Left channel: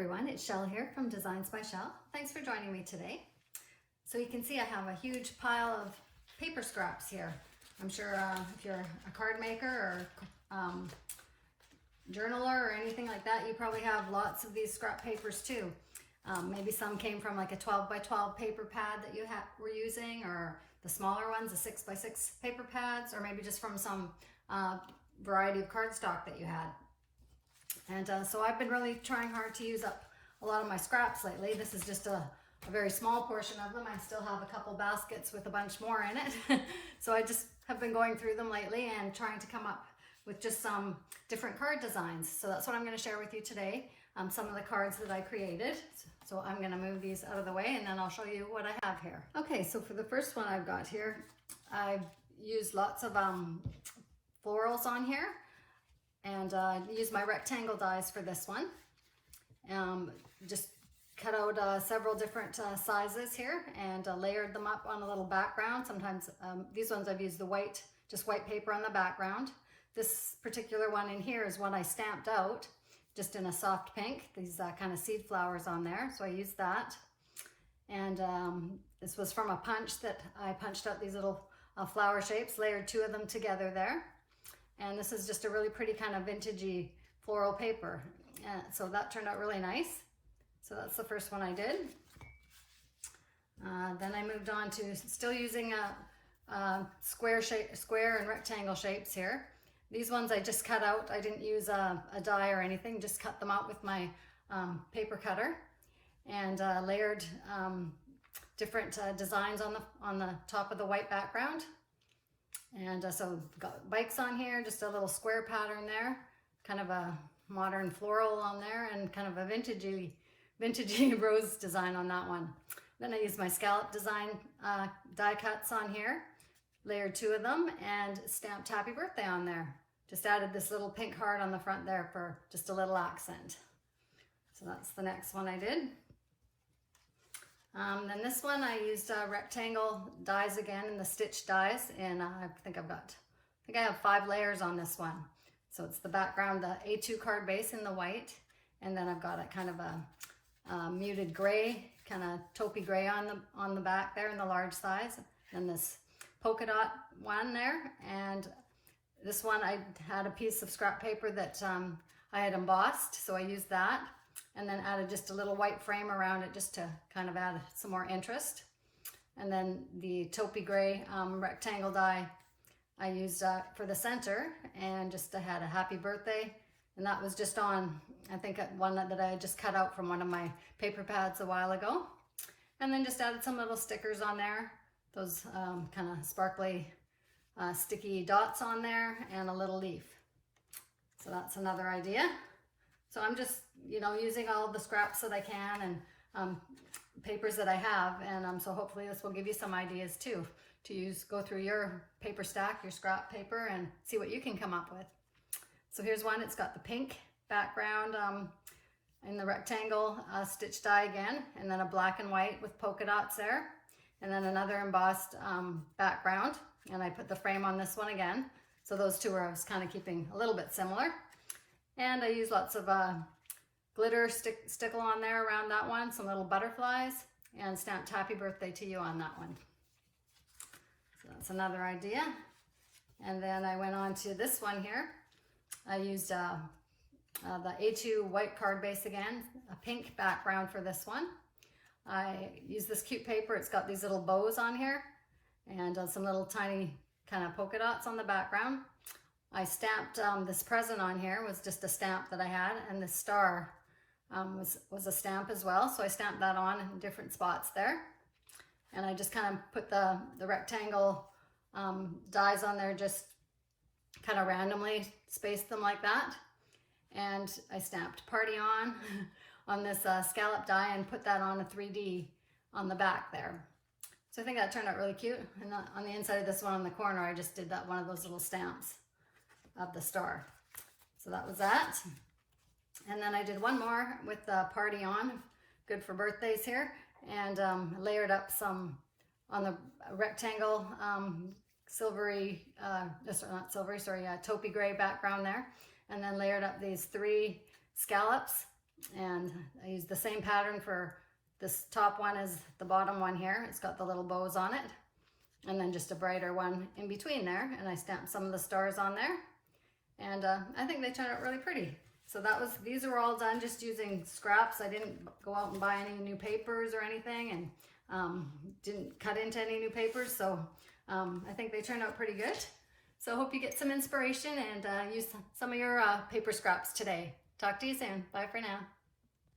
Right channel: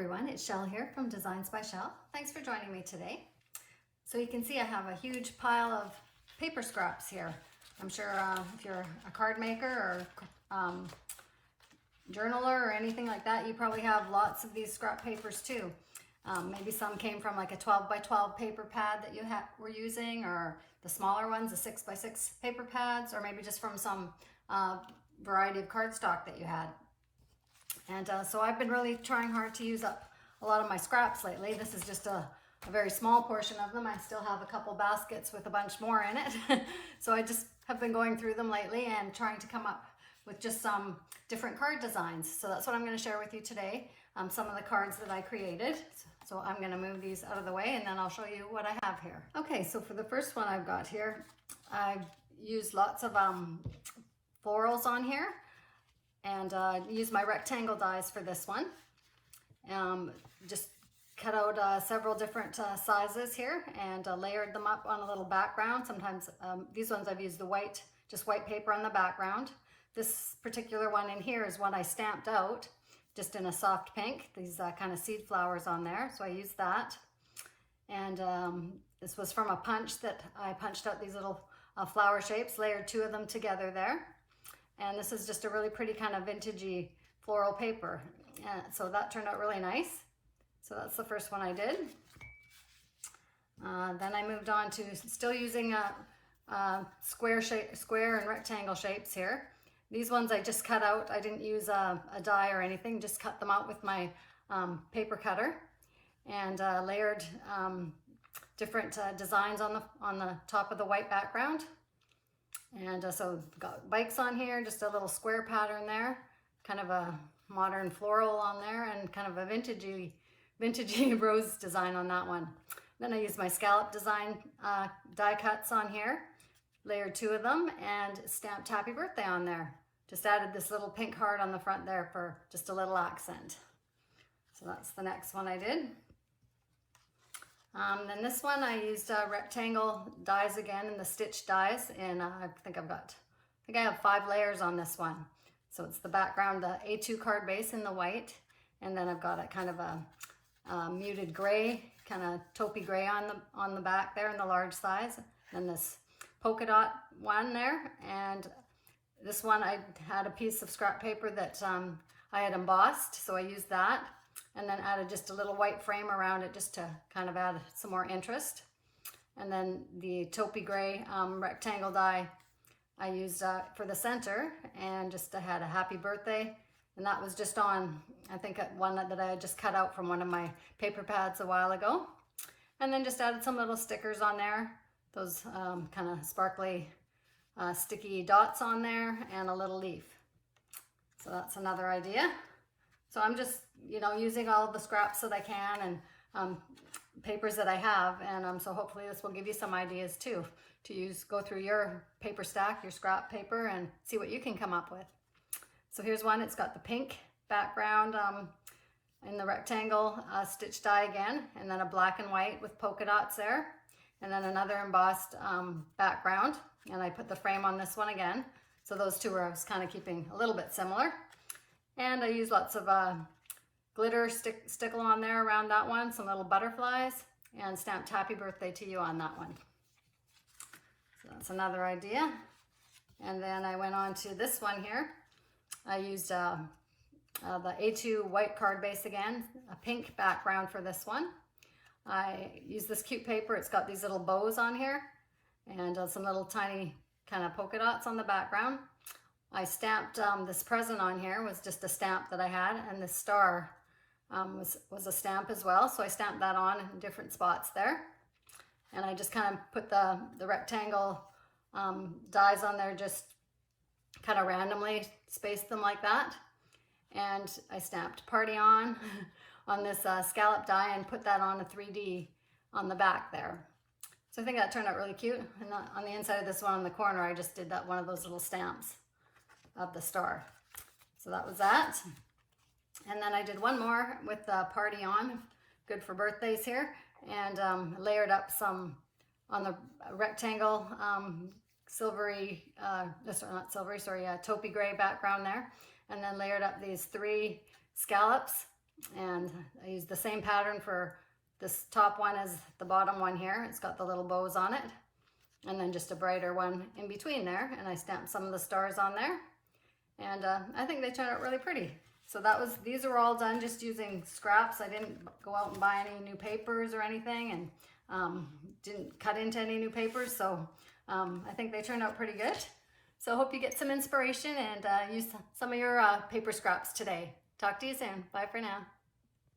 everyone, it's Shell here from Designs by Shell. Thanks for joining me today. So you can see I have a huge pile of paper scraps here. I'm sure if you're a card maker or journaler or anything like that, you probably have lots of these scrap papers too. Maybe some came from like a 12 by 12 paper pad that you were using, or the smaller ones, the 6 by 6 paper pads, or maybe just from some variety of cardstock that you had. And so I've been really trying hard to use up a lot of my scraps lately. This is just a very small portion of them. I still have a couple baskets with a bunch more in it. So I just have been going through them lately and trying to come up with just some different card designs. So that's what I'm going to share with you today. Some of the cards that I created. So I'm going to move these out of the way and then I'll show you what I have here. Okay, so for the first one I've got here, I've used lots of florals on here. And use my rectangle dies for this one. Just cut out several different sizes here and layered them up on a little background. Sometimes these ones I've used the white, just white paper on the background. This particular one in here is one I stamped out just in a soft pink. These kind of seed flowers on there, so I used that. And this was from a punch that I punched out these little flower shapes, layered two of them together there. And this is just a really pretty kind of vintagey floral paper. So that turned out really nice. So that's the first one I did. Then I moved on to still using square and rectangle shapes here. These ones I just cut out. I didn't use a die or anything, just cut them out with my paper cutter and layered different designs on the top of the white background. And so got bikes on here, just a little square pattern there, kind of a modern floral on there, and kind of a vintagey rose design on that one. Then I used my scallop design die cuts on here, layered two of them, and stamped happy birthday on there. Just added this little pink heart on the front there for just a little accent. So that's the next one I did. Then this one I used rectangle dies again in the stitch dies, and I think I have 5 layers on this one. So it's the background, the A2 card base in the white, and then I've got a kind of a muted gray, kind of taupey gray on the back there in the large size, and this polka dot one there. And this one I had a piece of scrap paper that I had embossed, so I used that. And then added just a little white frame around it just to kind of add some more interest. And then the taupey gray rectangle die I used for the center, and just had a happy birthday. And that was just on, I think, one that I had just cut out from one of my paper pads a while ago. And then just added some little stickers on there, those kind of sparkly sticky dots on there, and a little leaf. So that's another idea. So I'm just, using all of the scraps that I can, and papers that I have, and so hopefully this will give you some ideas too to go through your paper stack, your scrap paper, and see what you can come up with. So here's one. It's got the pink background in the rectangle stitch die again, and then a black and white with polka dots there, and then another embossed background, and I put the frame on this one again. So those two I was kind of keeping a little bit similar. And I use lots of glitter stickle on there around that one, some little butterflies, and stamped happy birthday to you on that one. So that's another idea. And then I went on to this one here. I used the A2 white card base again, a pink background for this one. I used this cute paper. It's got these little bows on here, and some little tiny kind of polka dots on the background. I stamped this present on here, was just a stamp that I had, and the star was a stamp as well. So I stamped that on in different spots there. And I just kind of put the rectangle dies on there, just kind of randomly spaced them like that. And I stamped party on this scallop die and put that on a 3D on the back there. So I think that turned out really cute. And on the inside of this one in the corner, I just did one of those little stamps of the star. So that was that. And then I did one more with the party on, good for birthdays here, and layered up some on the rectangle silvery, not silvery, sorry, taupey gray background there, and then layered up these 3 scallops And I used the same pattern for this top one as the bottom one here. It's got the little bows on it. And then just a brighter one in between there. And I stamped some of the stars on there. And I think they turned out really pretty. So these are all done just using scraps. I didn't go out and buy any new papers or anything, and didn't cut into any new papers. So I think they turned out pretty good. So I hope you get some inspiration and use some of your paper scraps today. Talk to you soon. Bye for now.